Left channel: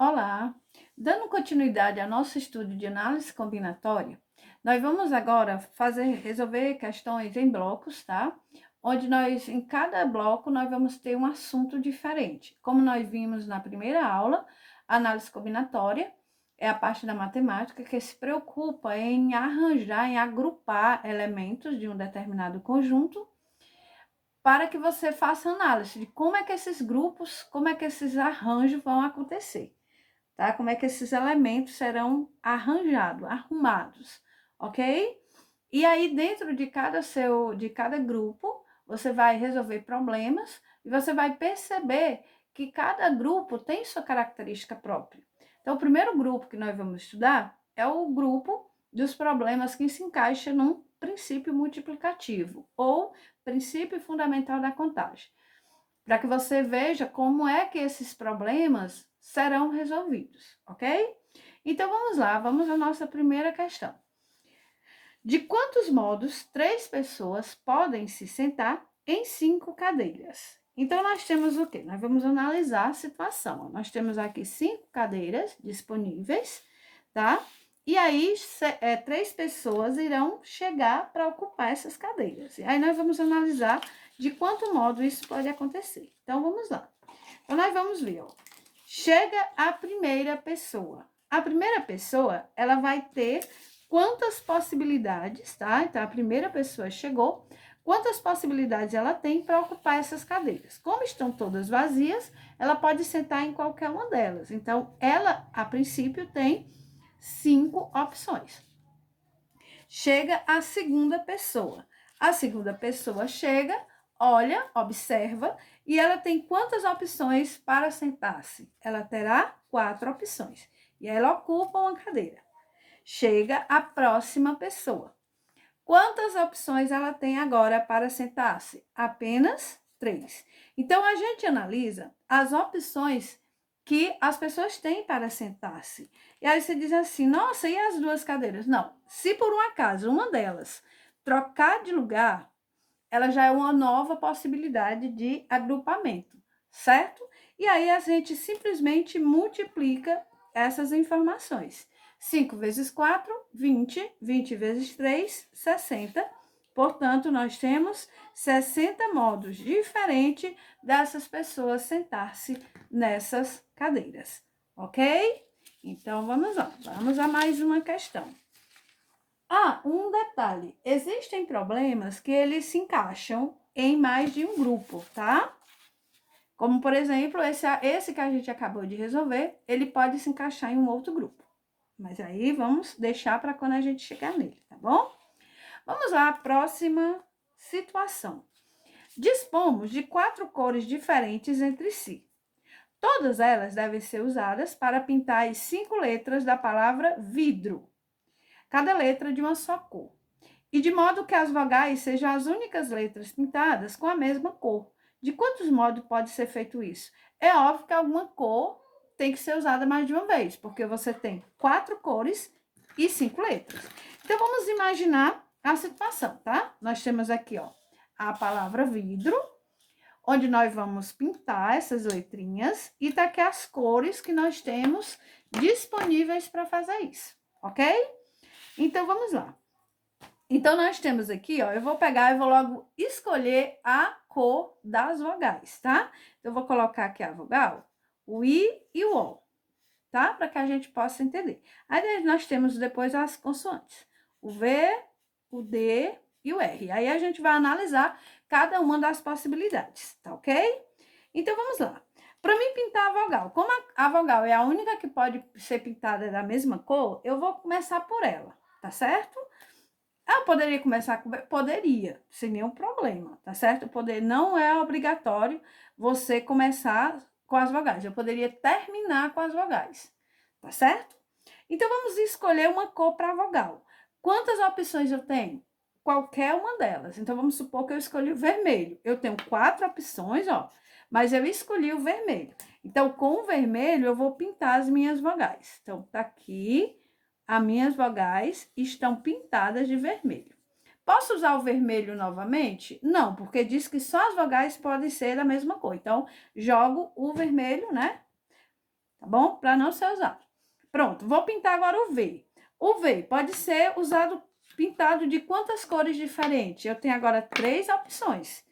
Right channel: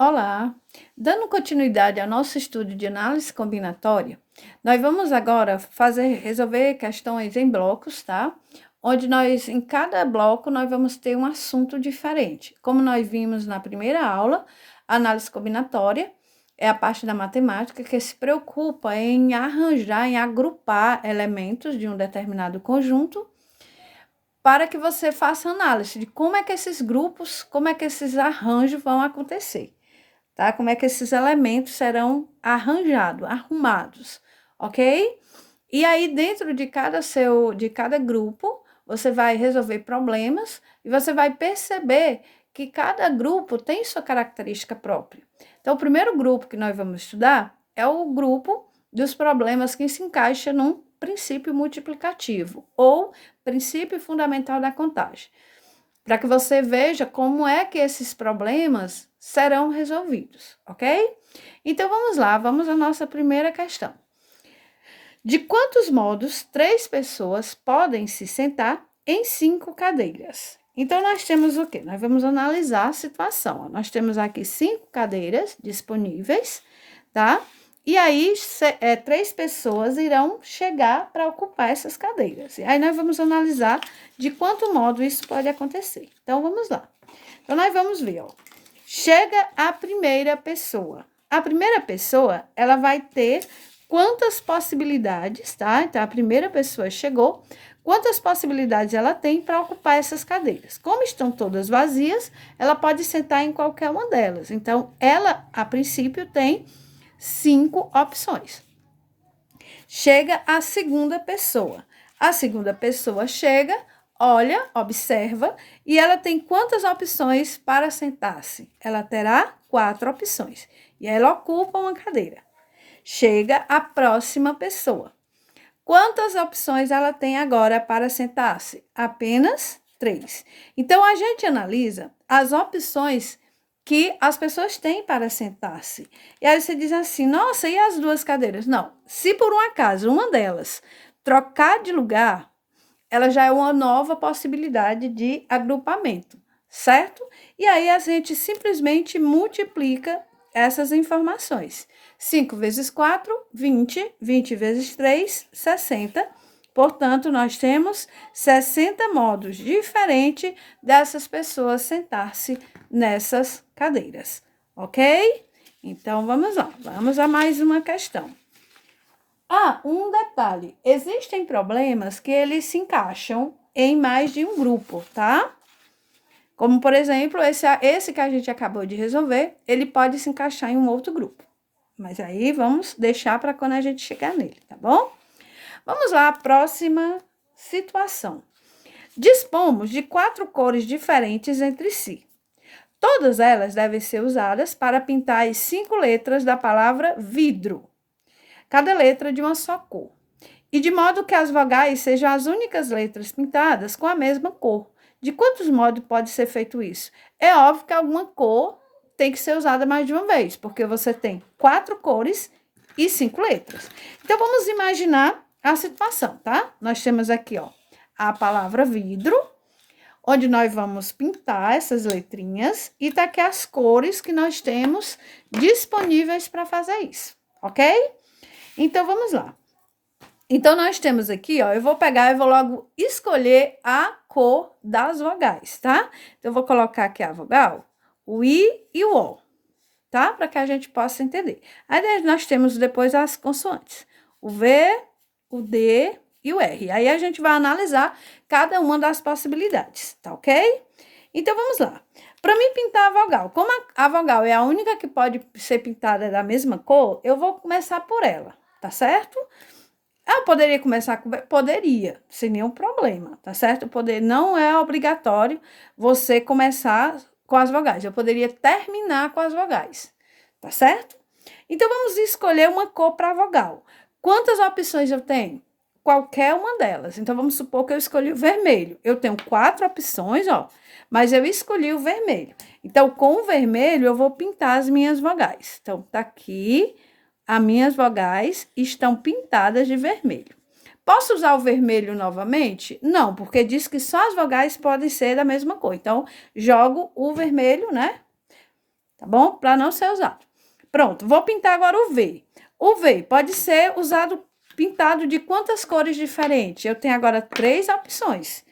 Olá! Dando continuidade ao nosso estudo de análise combinatória, nós vamos agora resolver questões em blocos, tá? Onde em cada bloco, nós vamos ter um assunto diferente. Como nós vimos na primeira aula, a análise combinatória é a parte da matemática que se preocupa em arranjar, em agrupar elementos de um determinado conjunto para que você faça análise de como é que esses grupos, como é que esses arranjos vão acontecer, tá? Como é que esses elementos serão arrumados, ok? E aí, dentro de cada grupo, você vai resolver problemas e você vai perceber que cada grupo tem sua característica própria. Então, o primeiro grupo que nós vamos estudar é o grupo dos problemas que se encaixa num princípio multiplicativo ou princípio fundamental da contagem, para que você veja como é que esses problemas serão resolvidos, ok? Então, vamos lá, vamos à nossa primeira questão. De quantos modos 3 pessoas podem se sentar em 5 cadeiras? Então, nós temos o quê? Nós vamos analisar a situação. Nós temos aqui 5 cadeiras disponíveis, tá? E aí, 3 pessoas irão chegar para ocupar essas cadeiras. E aí, nós vamos analisar de quanto modo isso pode acontecer. Então, vamos lá. Então, nós vamos ver, ó. Chega a primeira pessoa. A primeira pessoa, ela vai ter quantas possibilidades, tá? Então, a primeira pessoa chegou, quantas possibilidades ela tem para ocupar essas cadeiras. Como estão todas vazias, ela pode sentar em qualquer uma delas. Então, ela, a princípio, tem 5 opções. Chega a segunda pessoa. A segunda pessoa chega, olha, observa, e ela tem quantas opções para sentar-se? Ela terá 4 opções. E ela ocupa uma cadeira. Chega a próxima pessoa. Quantas opções ela tem agora para sentar-se? Apenas 3. Então, a gente analisa as opções que as pessoas têm para sentar-se. E aí você diz assim, nossa, e as 2 cadeiras? Não, se por um acaso uma delas trocar de lugar, ela já é uma nova possibilidade de agrupamento, certo? E aí a gente simplesmente multiplica essas informações. 5 vezes 4, 20. 20 vezes 3, 60. Portanto, nós temos 60 modos diferentes dessas pessoas sentar-se nessas cadeiras, ok? Então, vamos lá. Vamos a mais uma questão. Um detalhe. Existem problemas que eles se encaixam em mais de um grupo, tá? Como, por exemplo, esse que a gente acabou de resolver, ele pode se encaixar em um outro grupo. Mas aí vamos deixar para quando a gente chegar nele, tá bom? Vamos lá, próxima situação. Dispomos de 4 cores diferentes entre si. Todas elas devem ser usadas para pintar as 5 letras da palavra vidro. Cada letra de uma só cor. E de modo que as vogais sejam as únicas letras pintadas com a mesma cor. De quantos modos pode ser feito isso? É óbvio que alguma cor tem que ser usada mais de uma vez, porque você tem 4 cores e 5 letras. Então, vamos imaginar a situação, tá? Nós temos aqui, ó, a palavra vidro, onde nós vamos pintar essas letrinhas, e tá aqui as cores que nós temos disponíveis para fazer isso, ok? Então, vamos lá. Então, nós temos aqui, ó, eu vou pegar e vou logo escolher a cor das vogais, tá? Então, eu vou colocar aqui a vogal, o I e o O, tá? Para que a gente possa entender. Aí, nós temos depois as consoantes, o V, o D e o R. Aí, a gente vai analisar cada uma das possibilidades, tá ok? Então, vamos lá. Para mim pintar a vogal, como a vogal é a única que pode ser pintada da mesma cor, eu vou começar por ela, tá certo? Eu poderia começar com... Poderia, sem nenhum problema, tá certo? Não é obrigatório você começar com as vogais. Eu poderia terminar com as vogais, tá certo? Então, vamos escolher uma cor para vogal. Quantas opções eu tenho? Qualquer uma delas. Então, vamos supor que eu escolhi o vermelho. Eu tenho 4 opções, ó, mas eu escolhi o vermelho. Então, com o vermelho, eu vou pintar as minhas vogais. Então, tá aqui... As minhas vogais estão pintadas de vermelho. Posso usar o vermelho novamente? Não, porque diz que só as vogais podem ser da mesma cor. Então, jogo o vermelho, né? tá bom? Para não ser usado. Pronto, vou pintar agora o V. O V pode ser usado, pintado de quantas cores diferentes? Eu tenho agora 3 opções.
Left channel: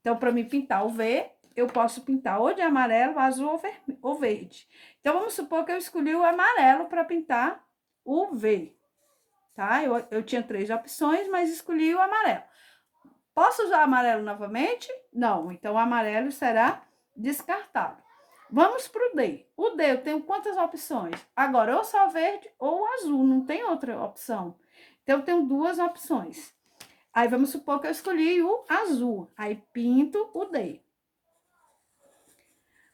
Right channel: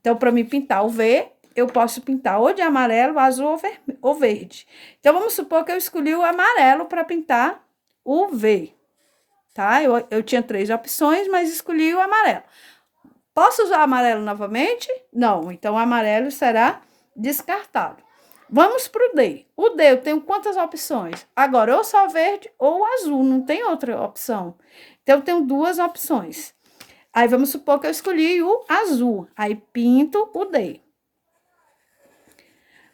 Então, para me pintar o V, eu posso pintar ou de amarelo, azul ou verde. Então, vamos supor que eu escolhi o amarelo para pintar o V, tá? Eu tinha 3 opções, mas escolhi o amarelo. Posso usar amarelo novamente? Não, então o amarelo será descartado. Vamos para o D. O D, eu tenho quantas opções? Agora, ou só verde ou azul, não tem outra opção. Então, eu tenho 2 opções. Aí, vamos supor que eu escolhi o azul. Aí, pinto o D.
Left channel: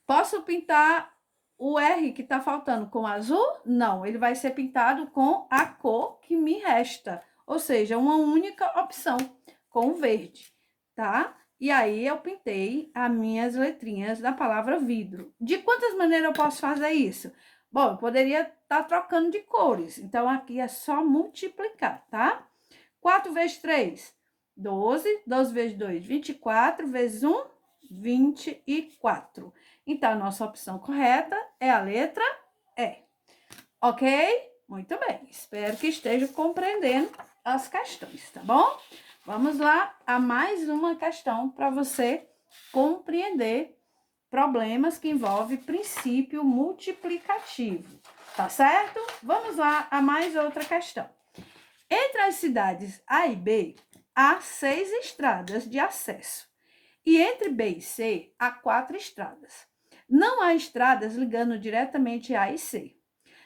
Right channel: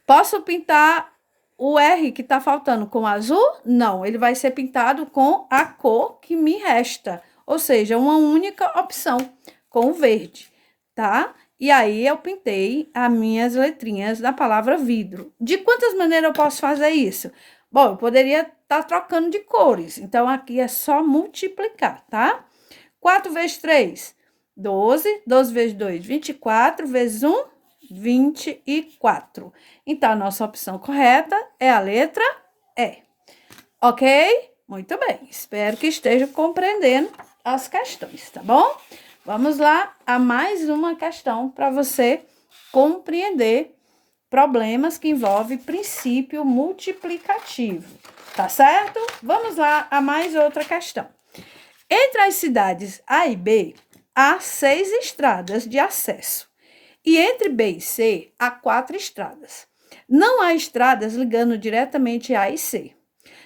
Posso pintar o R que está faltando com azul? Não, ele vai ser pintado com a cor que me resta. Ou seja, uma única opção, com o verde, tá? E aí, eu pintei as minhas letrinhas da palavra vidro. De quantas maneiras eu posso fazer isso? Bom, eu poderia estar trocando de cores. Então, aqui é só multiplicar, tá? 4 vezes 3, 12. 12 vezes 2, 24. Vezes 1, 24. Então, a nossa opção correta é a letra E. Ok? Muito bem. Espero que esteja compreendendo as questões, tá bom? Vamos lá a mais uma questão para você compreender problemas que envolvem princípio multiplicativo, tá certo? Vamos lá a mais outra questão. Entre as cidades A e B, há 6 estradas de acesso. E entre B e C, há 4 estradas. Não há estradas ligando diretamente A e C.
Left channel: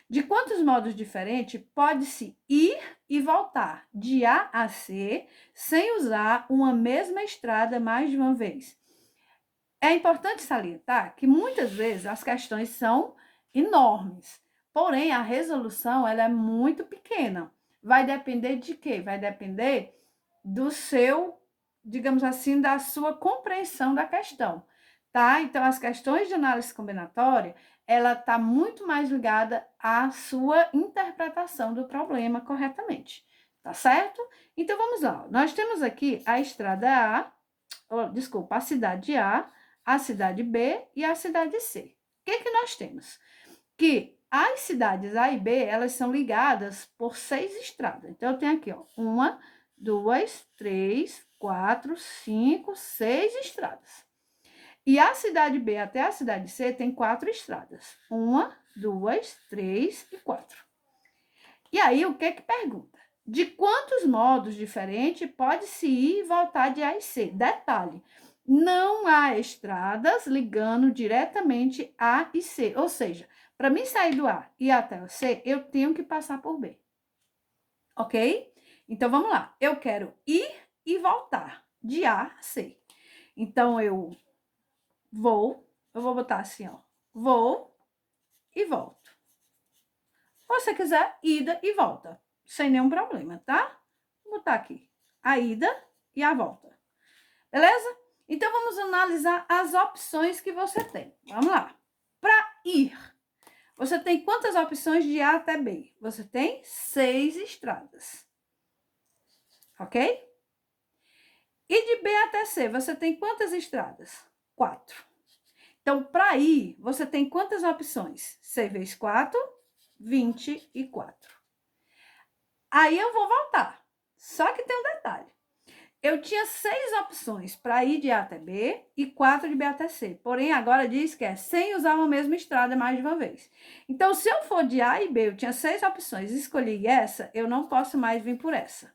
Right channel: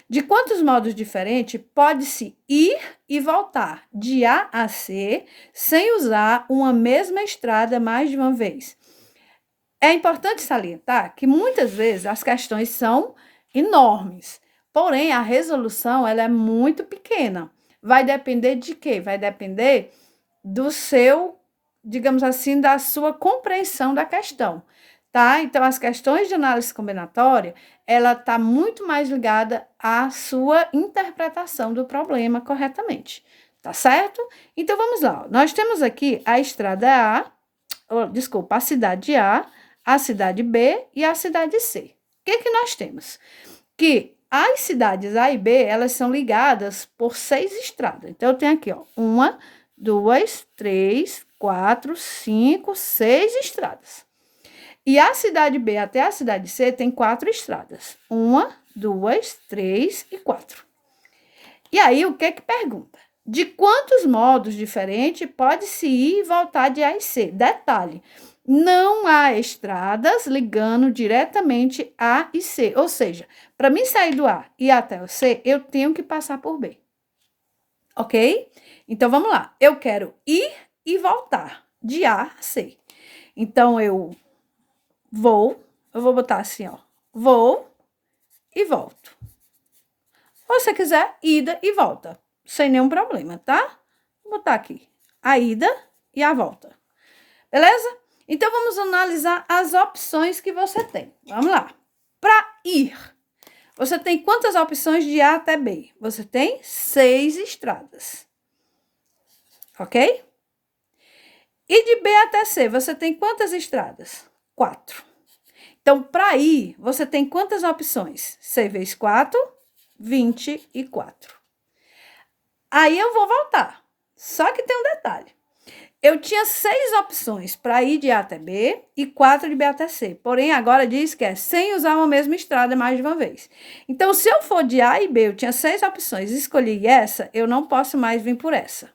De quantos modos diferentes pode-se ir e voltar de A a C sem usar uma mesma estrada mais de uma vez? É importante salientar que muitas vezes as questões são enormes, porém a resolução ela é muito pequena. Vai depender de quê? Vai depender do seu, digamos assim, da sua compreensão da questão, tá? Então, as questões de análise combinatória, ela está muito mais ligada à sua interpretação do problema corretamente, tá certo? Então, vamos lá. Nós temos aqui a estrada a cidade a cidade B e a cidade C. O que nós temos? Que as cidades A e B, elas são ligadas por 6 estradas. Então, eu tenho aqui, ó, 1, 2, 3, 4, 5, 6 estradas. E a cidade B até a cidade C tem 4 estradas. 1, 2, 3 e 4. E aí, o que pergunta? De quantos modos diferentes pode-se ir e voltar de A e C? Detalhe, não há estradas ligando diretamente A e C. Ou seja, para mim sair do A e ir até o C, eu tenho que passar por B. Ok? Então, vamos lá. Eu quero ir e voltar de A a C. Então, eu vou botar assim, ó. Vou e volto. Ou se quiser, ida e volta. Sem nenhum problema, tá? Vou botar aqui a ida e a volta. Beleza? Então, vamos analisar as opções que você tem. Vamos lá. Para ir, você tem quantas opções de A até B? Você tem 6 estradas. Ok? E de B até C, você tem quantas estradas? 4. Então, para ir, você tem quantas opções? 6 vezes 4, 24. Aí eu vou voltar. Só que tem um detalhe. Eu tinha 6 opções para ir de A até B e 4 de B até C. Porém, agora diz que é sem usar uma mesma estrada mais de uma vez. Então, se eu for de A e B, eu tinha 6 opções, escolhi essa, eu não posso mais vir por essa.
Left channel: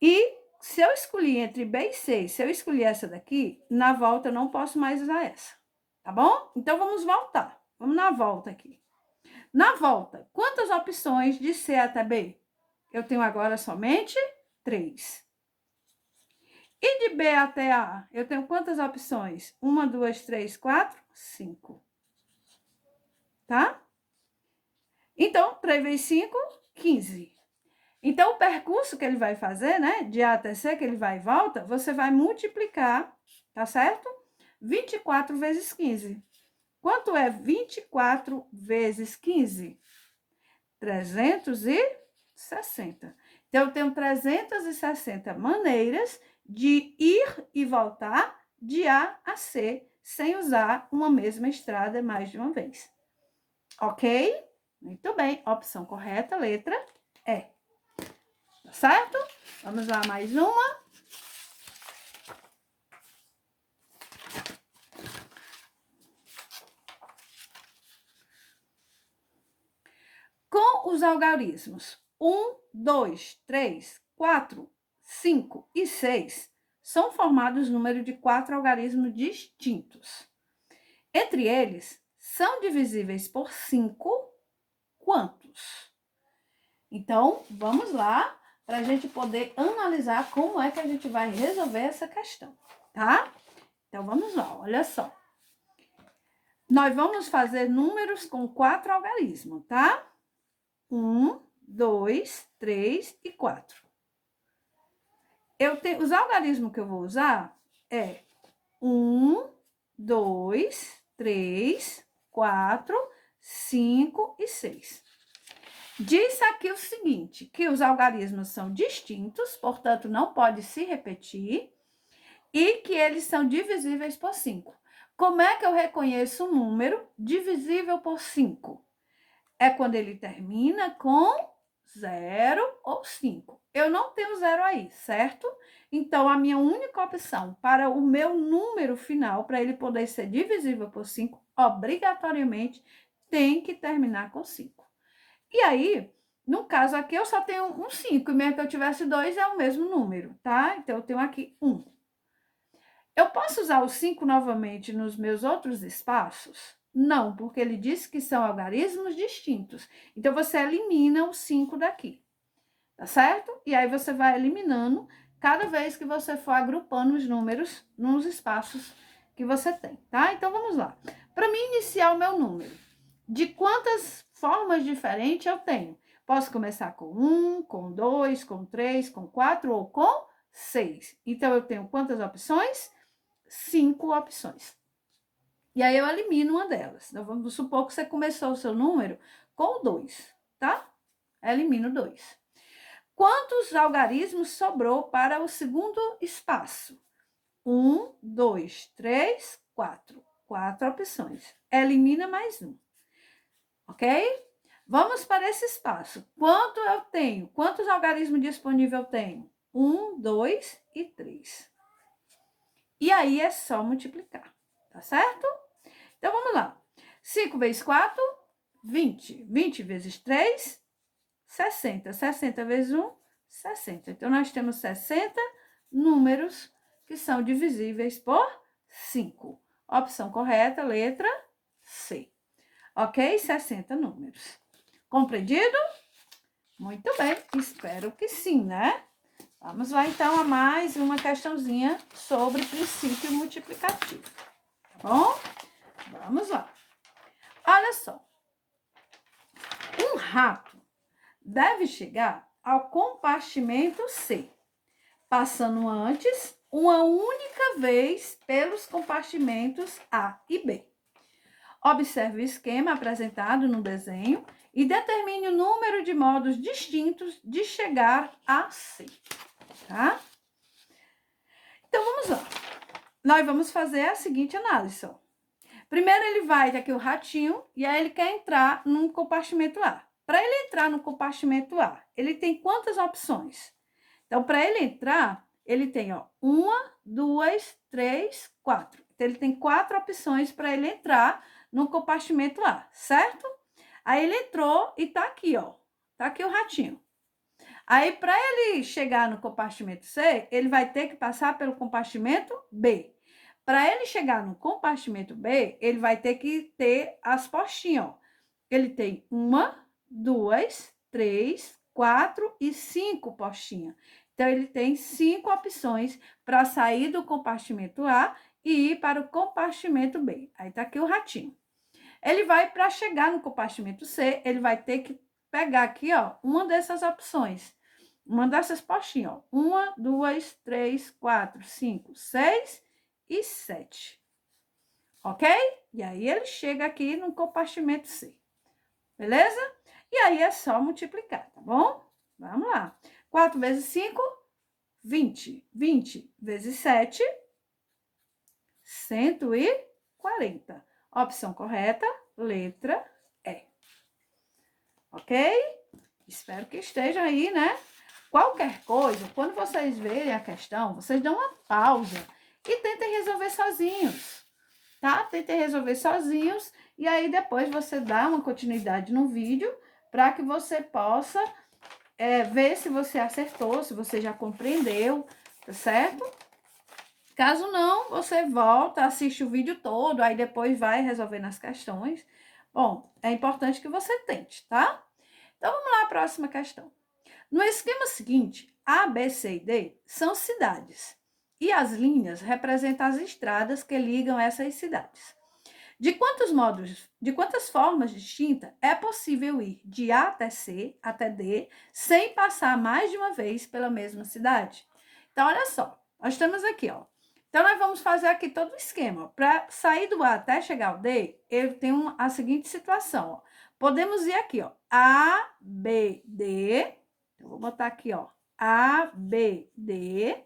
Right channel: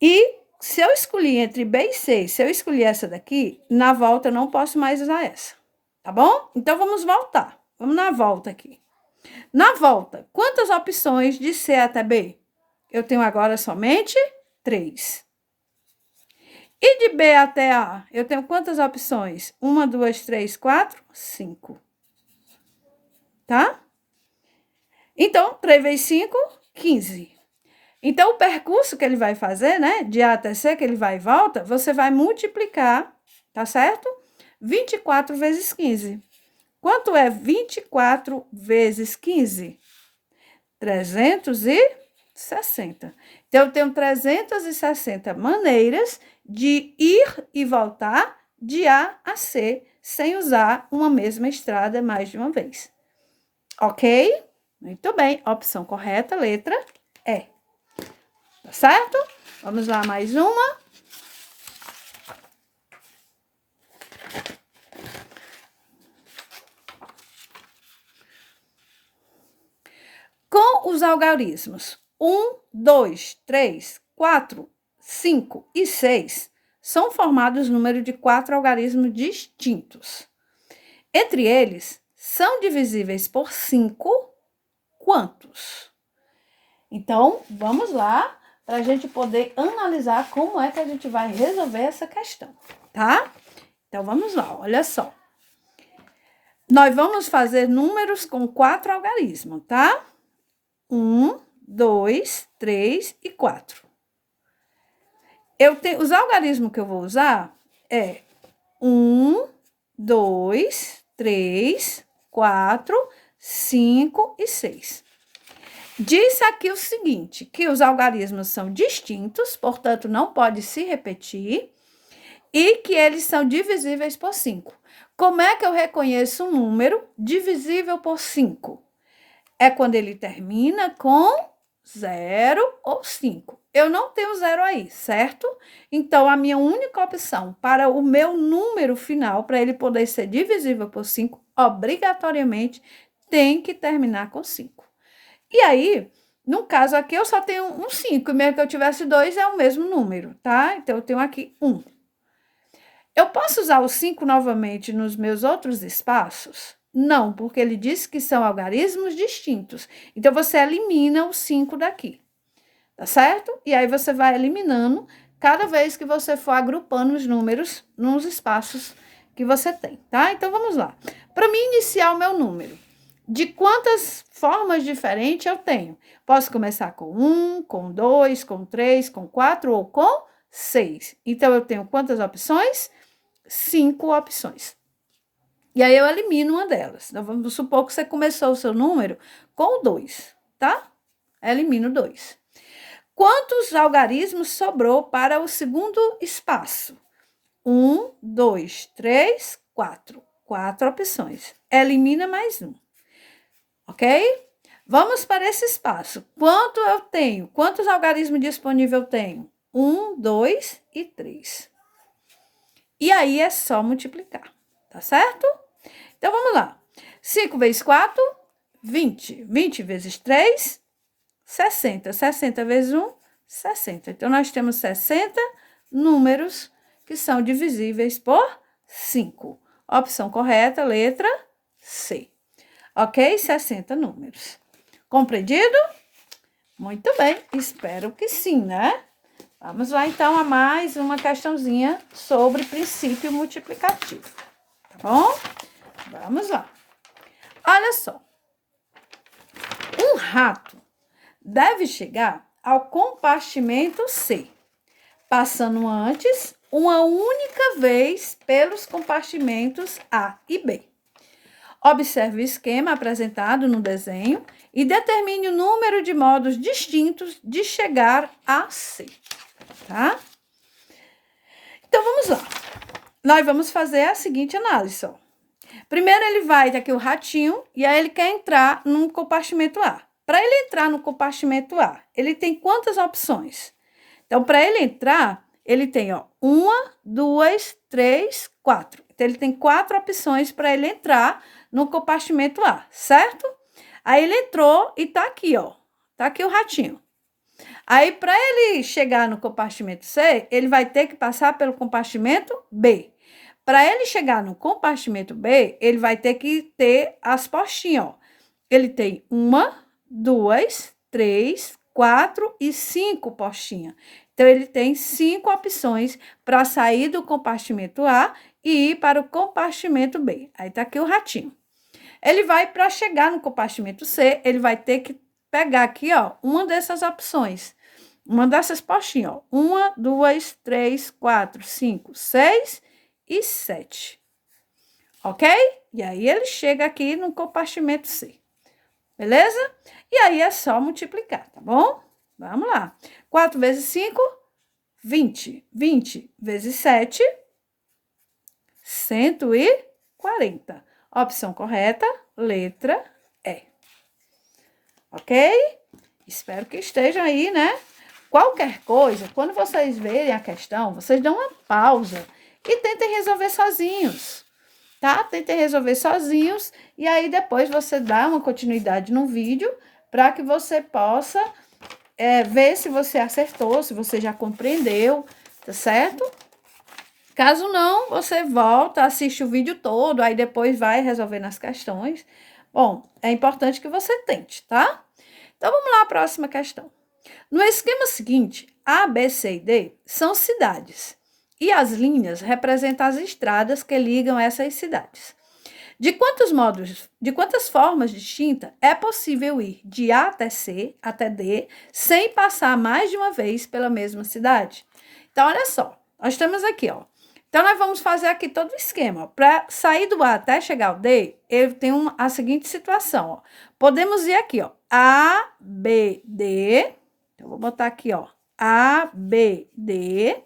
E se eu escolhi entre B e C, se eu escolher essa daqui, na volta eu não posso mais usar essa. Tá bom? Então, vamos voltar. Vamos na volta aqui. Na volta, quantas opções de C até B? Eu tenho agora somente 3. E de B até A, eu tenho quantas opções? 1, 2, 3, 4, 5. Tá? Então, 3 vezes 5, 15. Então, o percurso que ele vai fazer, né? De A até C, que ele vai e volta, você vai multiplicar, tá certo? 24 vezes 15. Quanto é 24 vezes 15? 360. Então, eu tenho 360 maneiras de ir e voltar de A a C sem usar uma mesma estrada mais de uma vez. Ok? Muito bem. Opção correta, letra E. Tá certo? Vamos lá, mais uma. Com os algarismos 1, 2, 3, 4, 5 e 6, são formados o número de 4 algarismos distintos. Entre eles, são divisíveis por 5 quantos? Então, vamos lá, para a gente poder analisar como é que a gente vai resolver essa questão, tá? Então, vamos lá, olha só. Nós vamos fazer números com 4 algarismos, tá? 1, 2, 3 e 4. Os algarismos que eu vou usar é 1, 2, 3, 4, 5 e 6. Diz aqui o seguinte, que os algarismos são distintos, portanto, não pode se repetir, e que eles são divisíveis por 5. Como é que eu reconheço um número divisível por 5? É quando ele termina com 0 ou 5. Eu não tenho 0 aí, certo? Então, a minha única opção para o meu número final, para ele poder ser divisível por 5, obrigatoriamente tem que terminar com 5. E aí, no caso aqui, eu só tenho um 5, e mesmo que eu tivesse 2, é o mesmo número, tá? Então, eu tenho aqui 1. Eu posso usar o 5 novamente nos meus outros espaços? Não, porque ele disse que são algarismos distintos. Então, você elimina o 5 daqui, tá certo? E aí, você vai eliminando cada vez que você for agrupando os números nos espaços que você tem, tá? Então, vamos lá. Para mim iniciar o meu número, de quantas formas diferentes eu tenho? Posso começar com 1, com 2, com 3, com 4 ou com 6. Então, eu tenho quantas opções? 5 opções. E aí, eu elimino uma delas. Então, vamos supor que você começou o seu número com 2, tá? Elimino 2. Quantos algarismos sobrou para o segundo espaço? 1, 2, 3, 4. 4 opções. Elimina mais um. Ok? Vamos para esse espaço. Quanto eu tenho? Quantos algarismos disponíveis eu tenho? 1, 2 e 3. E aí, é só multiplicar, tá certo? Então, vamos lá. 5 vezes 4, 20. 20 vezes 3, 60. 60 vezes 1, 60. Então, nós temos 60 números que são divisíveis por 5. Opção correta, letra C. Ok? 60 números. Compreendido? Muito bem, espero que sim, né? Vamos lá, então, a mais uma questãozinha sobre princípio multiplicativo, tá bom? Vamos lá. Olha só. Um rato deve chegar ao compartimento C, passando antes uma única vez pelos compartimentos A e B. Observe o esquema apresentado no desenho e determine o número de modos distintos de chegar a C, tá? Então, vamos lá. Nós vamos fazer a seguinte análise, ó. Primeiro, ele vai ter aqui o ratinho e aí ele quer entrar no compartimento A. Para ele entrar no compartimento A, ele tem quantas opções? Então, para ele entrar, ele tem, ó, 1, 2, 3, 4. Então, ele tem 4 opções para ele entrar no compartimento A, certo? Aí, ele entrou e tá aqui, ó. Tá aqui o ratinho. Aí, para ele chegar no compartimento C, ele vai ter que passar pelo compartimento B. Para ele chegar no compartimento B, ele vai ter que ter as postinhas, ó. Ele tem 1, 2, 3, 4 e 5 postinhas. Então, ele tem 5 opções para sair do compartimento A e ir para o compartimento B. Aí, tá aqui o ratinho. Ele vai, para chegar no compartimento C, ele vai ter que pegar aqui, ó, uma dessas opções. Uma dessas postinhas, ó. 1, 2, 3, 4, 5, 6 e 7. Ok? E aí, ele chega aqui no compartimento C. Beleza? E aí, é só multiplicar, tá bom? Vamos lá. 4 vezes 5, 20. 20 vezes 7, 120. 40. Opção correta, letra E. Ok? Espero que esteja aí, né? Qualquer coisa, quando vocês verem a questão, vocês dão uma pausa e tentem resolver sozinhos, tá? Tentem resolver sozinhos e aí depois você dá uma continuidade no vídeo para que você possa ver se você acertou, se você já compreendeu, tá certo? Caso não, você volta, assiste o vídeo todo, aí depois vai resolvendo as questões. Bom, é importante que você tente, tá? Então, vamos lá à próxima questão. No esquema seguinte, A, B, C e D são cidades, e as linhas representam as estradas que ligam essas cidades. De quantas formas distintas é possível ir de A até C, até D, sem passar mais de uma vez pela mesma cidade? Então, olha só, nós temos aqui, ó. Então, nós vamos fazer aqui todo o esquema. Para sair do A até chegar ao D, eu tenho a seguinte situação, ó. Podemos ir aqui, ó, A, B, D. Então, vou botar aqui, ó, A, B, D.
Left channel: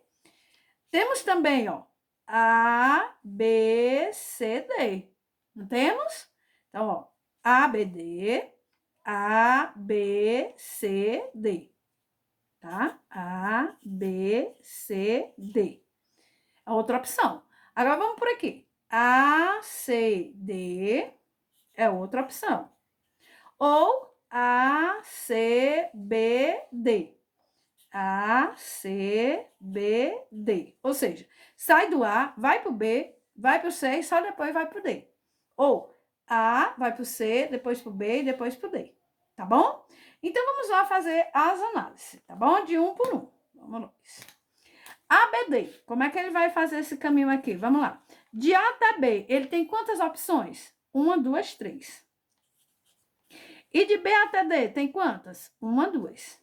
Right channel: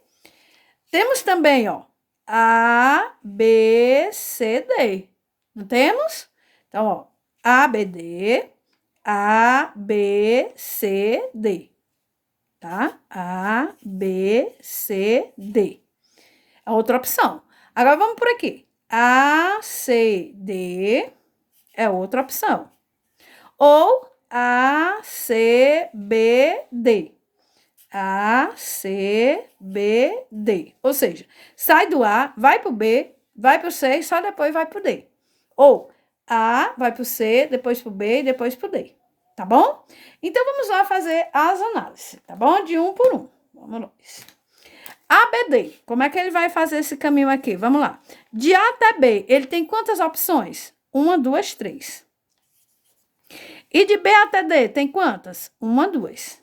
Temos também, ó, A, B, C, D. Não temos? Então, ó, A, B, D, A, B, C, D. Tá? A, B, C, D. A outra opção. Agora, vamos por aqui. A, C, D é outra opção. Ou A, C, B, D. A, C, B, D. Ou seja, sai do A, vai para o B, vai para o C e só depois vai para o D. Ou A, vai para o C, depois para o B e depois para o D. Tá bom? Então, vamos lá fazer as análises, tá bom? De um por um. Vamos nós. ABD, como é que ele vai fazer esse caminho aqui? Vamos lá. De A até B, ele tem quantas opções? 1, 2, 3. E de B até D, tem quantas? 1, 2.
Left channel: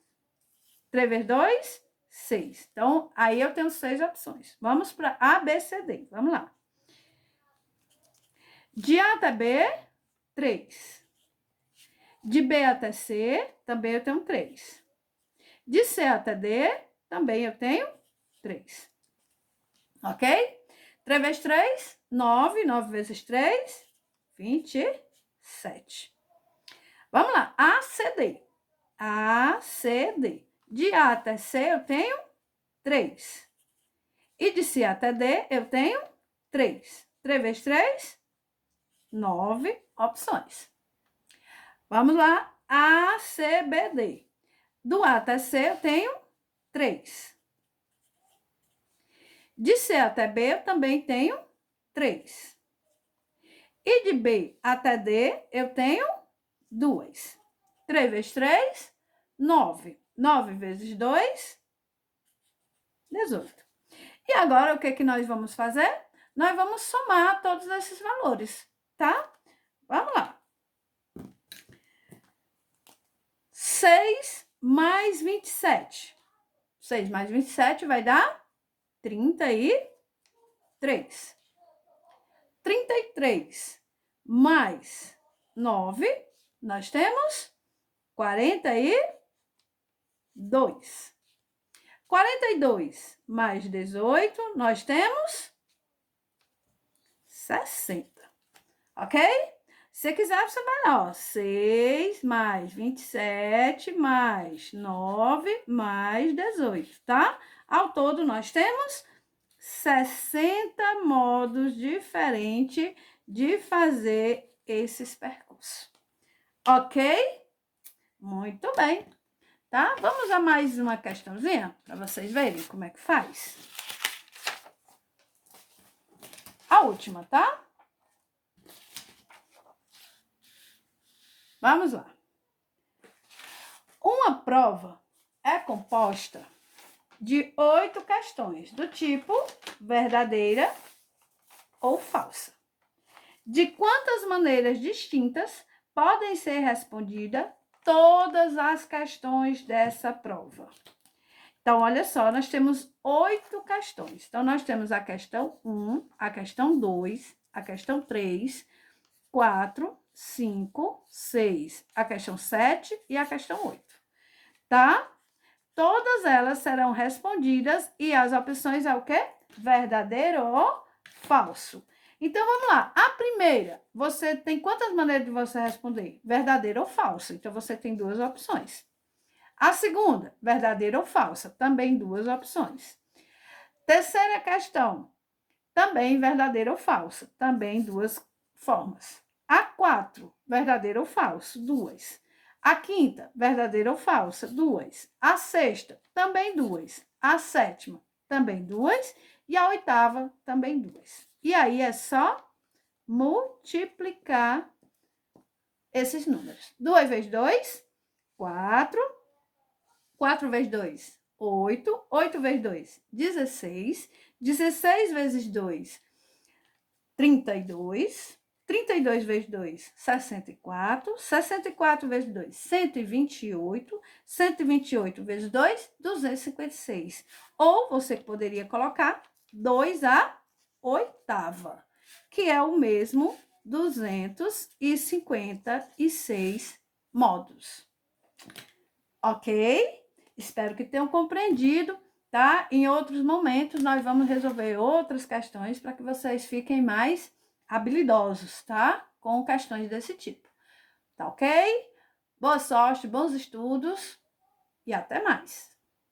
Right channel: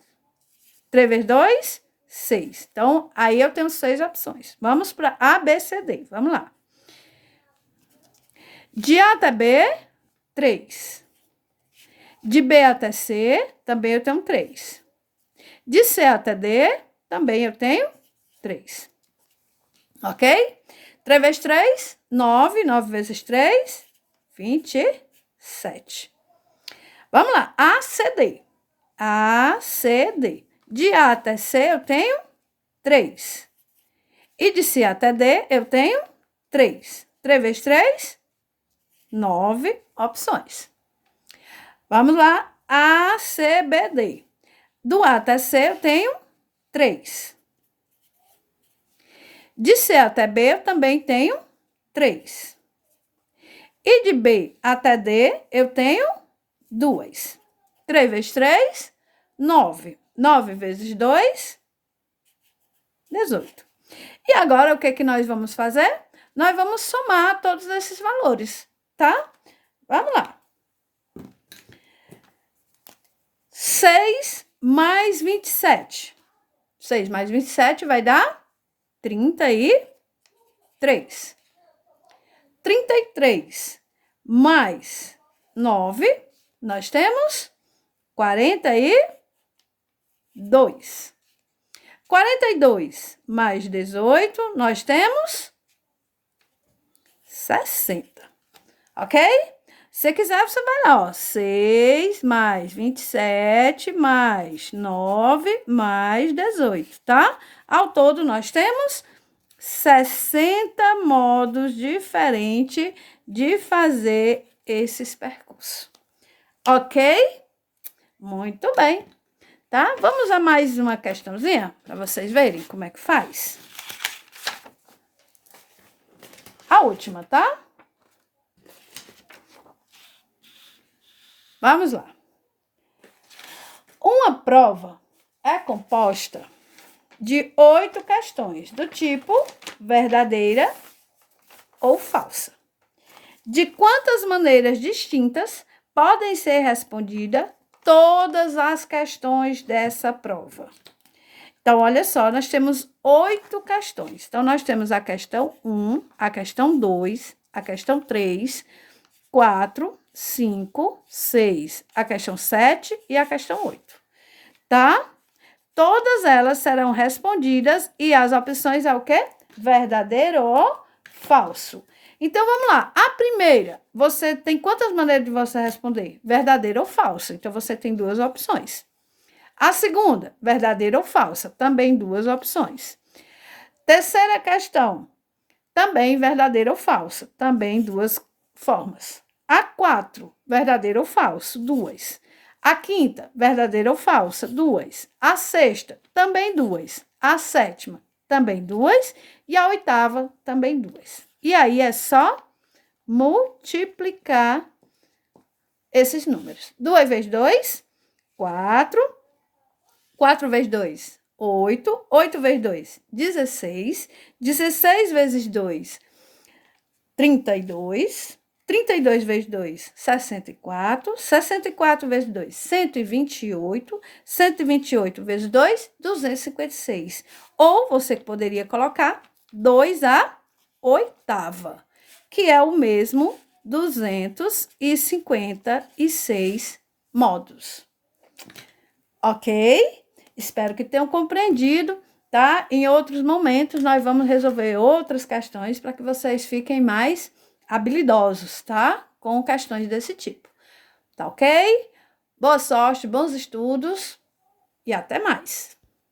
3 vezes 2, 6. Então, aí eu tenho 6 opções. Vamos para A, B, C, D. Vamos lá. De A até B, 3. De B até C, também eu tenho 3. De C até D, também eu tenho 3. Ok? 3 vezes 3, 9. 9 vezes 3, 27. Vamos lá. A, C, D. A, C, D. De A até C, eu tenho 3. E de C até D, eu tenho 3. 3 vezes 3, 9 opções. Vamos lá. A, C, B, D. Do A até C, eu tenho 3. De C até B, eu também tenho 3. E de B até D, eu tenho 2. 3 vezes 3, 9. 9 vezes 2, 18. E agora, o que que nós vamos fazer? Nós vamos somar todos esses valores, tá? Vamos lá. 6 mais 27. 6 mais 27 vai dar 33. 33 mais 9, nós temos 42. 42 mais 18, nós temos 60. Ok? Se quiser, você vai lá, ó. 6 mais 27 mais 9 mais 18, tá? Ao todo, nós temos 60 modos diferentes de fazer esses percursos. Ok? Muito bem. Tá? Vamos a mais uma questãozinha para vocês verem como é que faz. A última, tá? Vamos lá. Uma prova é composta de 8 questões do tipo verdadeira ou falsa. De quantas maneiras distintas podem ser respondidas todas as questões dessa prova? Então, olha só, nós temos 8 questões. Então, nós temos a questão 1, a questão 2, a questão 3, 4, 5, 6, a questão 7 e a questão 8. Tá? Todas elas serão respondidas e as opções é o quê? Verdadeiro ou falso. Então, vamos lá. A primeira, você tem quantas maneiras de você responder? Verdadeira ou falsa. Então, você tem duas opções. A segunda, verdadeira ou falsa. Também duas opções. Terceira questão, também verdadeira ou falsa. Também duas formas. A 4, verdadeiro ou falso, duas. A quinta, verdadeira ou falsa, duas. A sexta, também duas. A sétima, também duas. E a oitava, também duas. E aí é só multiplicar esses números. 2 vezes 2, 4. 4 vezes 2, 8. 8 vezes 2, 16. 16 vezes 2, 32. 32 vezes 2, 64. 64 vezes 2, 128. 128 vezes 2, 256. Ou você poderia colocar 2 à oitava, que é o mesmo 256 modos. Ok? Espero que tenham compreendido, tá? Em outros momentos, nós vamos resolver outras questões para que vocês fiquem mais habilidosos, tá? Com questões desse tipo. Tá ok? Boa sorte, bons estudos e até mais.